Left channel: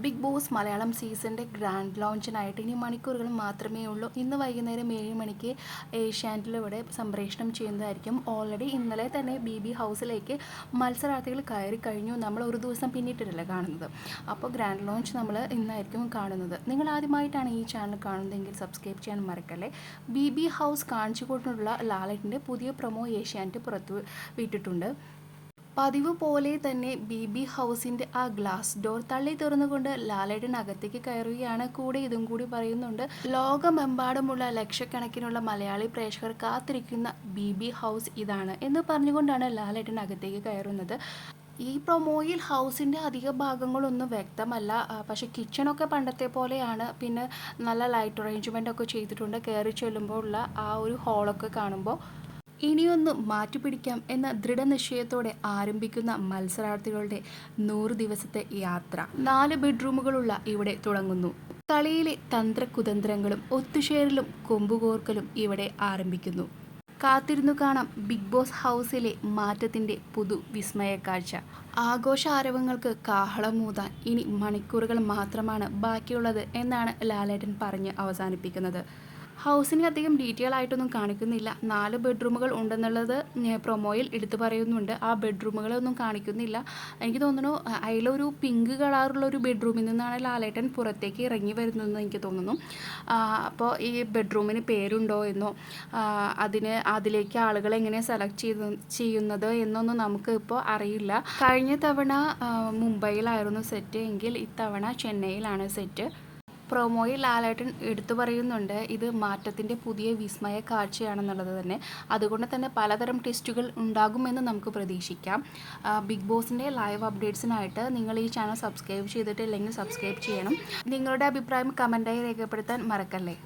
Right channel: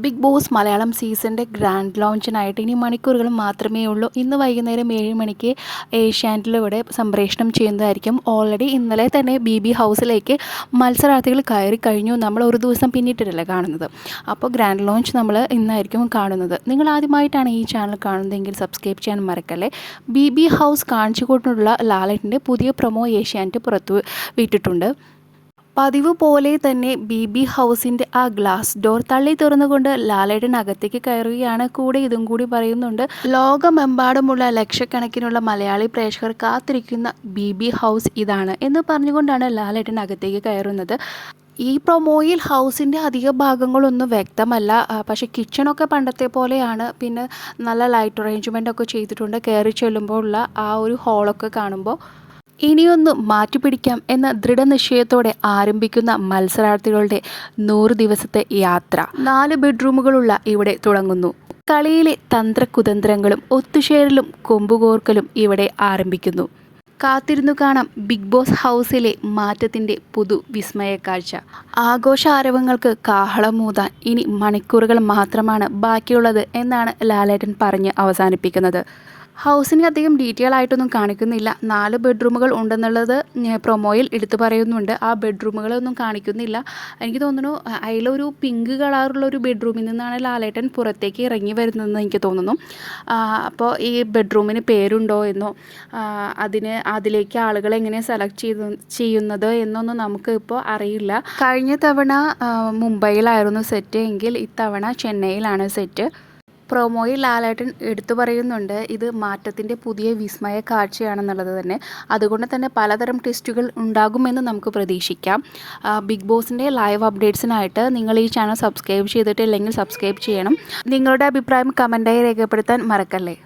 Big boss Malayalam സീസണിൻ്റെ grand ലോഞ്ചിനായിട്ട് ഇനി മണിക്കൂറുകൾ മാത്രമേ ഉള്ളൂ. ഇന്ന് വൈകുന്നേരം 7 മണിക്ക് ഏഷ്യാനെറ്റിലൂടെ സംപ്രേഷണം ചെയ്യുന്നതായിരിക്കും. ഓൾറെഡി ഇന്നലെ തന്നെ ബി ഹൗസിലേക്ക് മത്സരാർത്ഥികൾ കയറി കഴിഞ്ഞു. നമ്മൾ ഒരു ദിവസം പിന്നിട്ടിട്ടല്ലേ കാണുന്നത്. അപ്പോൾ ഗ്രാൻഡ് ലോഞ്ച് നമ്മൾ ഇന്നായിരിക്കും കാണുന്നത്. നിങ്ങൾ ആദ്യമായിട്ടാണ് ഈ ചാനൽ കാണുന്നതെങ്കിൽ സബ്സ്ക്രൈബ് ചെയ്യാൻ മറക്കല്ലേ. ബി ഹൗസ് കാണിച്ചുകൊണ്ടുള്ള ലാലേട്ടൻ്റെ പുതിയ പ്രൊമോ ഏഷ്യാനെറ്റ് പുറത്തു വിട്ടിട്ടുണ്ട്. പതിവ് പോലെ തന്നെ ബി ഹൗസിൻ്റെ ആ ഗ്ലാസ് ഡോർ തള്ളി തുറന്നുകൊണ്ട് ലാലേട്ടൻ അകത്തേക്ക് കയറുകയാണ്. കൂടെ ഇതും കൂടി പറയുന്നുണ്ട്, ലോകമെമ്പാടുമുള്ള ലക്ഷക്കണക്കിനുള്ള മലയാളി പ്രേക്ഷകർ കാത്തിരിക്കുന്ന ബി ഹൗസ് ഇതാണ് എന്ന് പറഞ്ഞുകൊണ്ടാണ് ലാലേട്ടൻ അകത്തേക്ക് കയറുന്നത്. ഈ പ്രൊമോയിൽ ഹൗസിൻ്റെ അധിക ഭാഗങ്ങളൊന്നും വ്യക്തമല്ല. പക്ഷേ കിച്ചണൊക്കെ പണ്ടത്തെ പോലെയാണ്. പിന്നെ നല്ല ലൈറ്റ് അറേഞ്ച്മെൻ്റ് ഒക്കെ ചെയ്തിട്ടുണ്ട്. കയറി ചെല്ലുമ്പോൾ ഉള്ള ആ ഒരു ഹോളൊക്കെ കാണുമ്പോൾ ഇനിയൊന്ന് മാറ്റിപ്പിടിക്കാം എന്ന ദൃഢനിശ്ചയത്തോടെ ആരംഭിക്കുന്ന മത്സരാർത്ഥികളുടെ 100 ദിവസത്തെ യാത്ര 4 ബെഡ്റൂമുകളുള്ള ഇവിടെ തുടങ്ങുന്നു. കളിയിലെ തന്ത്രകുതന്ത്രങ്ങളും ഒത്തുചേരലും കൊമ്പുകോർക്കലും ഇവിടെ ആരംഭിക്കുന്നു. കാത്തിരുന്നു കാണാം ബിഗ് ബോസ് ഹൗസിലെ മാറ്റത്തിൻ്റെ പുതുവിസ്മയ കാഴ്ച. ആഘോഷ ആരവങ്ങൾക്ക് കാഹളമൂതാൻ ഇനി മണിക്കൂറുകൾ മാത്രമാണ് ബാക്കിയുള്ളത് എന്നാണ് ലാലേട്ടൻ പറഞ്ഞ് അവസാനിപ്പിക്കുന്നത്. ഹൗസിന് അധികം ഡീറ്റെയിൽ ആയിട്ടൊന്നും കാണിക്കുന്നില്ല. 4 ബെഡ്റൂമുകൾ ഉണ്ടെന്നുള്ളത് പ്രൊമോയിൽ എടുത്തു പറയുന്നുണ്ട്. ആ ബെഡ്റൂമുകളൊന്നും കാണിക്കുന്നില്ല. എനിക്ക് തോന്നുന്നു അതിലൊരു പിങ്ക് കളറുള്ളൊരു ബെഡ്റൂമിൽ നിന്നാണ് ലാലേട്ടൻ പുറത്തേക്ക് ഇറങ്ങി വരുന്നതെന്ന് എനിക്ക് തോന്നുന്നു. അപ്പോൾ ഈ ബെഡ്റൂമിന് പേരുണ്ടോ എന്നോ അതിലേക്ക് ആളുകളെ എങ്ങനെ സെലക്ട് ചെയ്യുന്നത് എന്നൊന്നും നമുക്ക് ഇപ്പോൾ അറിയില്ല. കഴിഞ്ഞ തവണ മുംബൈയിലായിരുന്നു സെറ്റ് എങ്കിൽ ഇത്തവണ ചെന്നൈയിലാണ് സെറ്റ്. പ്രൊമോയിൽ ലാലേട്ടൻ എടുത്തു പറയുന്നുണ്ട് ഇത് മാറ്റത്തിൻ്റെ പുതിയ വിസ്മയ കാഴ്ചയാണെന്നുള്ളത് തന്നെ. അതുകൊണ്ട് തന്നെ പലതരം ടെസ്റ്റുകൾ ഉണ്ടാകുമെന്ന് നമുക്ക് പ്രതീക്ഷിക്കാം. ബിഗ് ബോസിൻ്റെ ലൈവ് അപ്ഡേറ്റ്സിനായിട്ട് നിങ്ങൾ ഈ ചാനൽ സബ്സ്ക്രൈബ് ചെയ്തിട്ടില്ലെങ്കിൽ സബ്സ്ക്രൈബ് ചെയ്യണം. നിങ്ങളുടെ അഭിപ്രായം കമൻറ്റായി രേഖപ്പെടുത്താൻ മറക്കല്ലേ.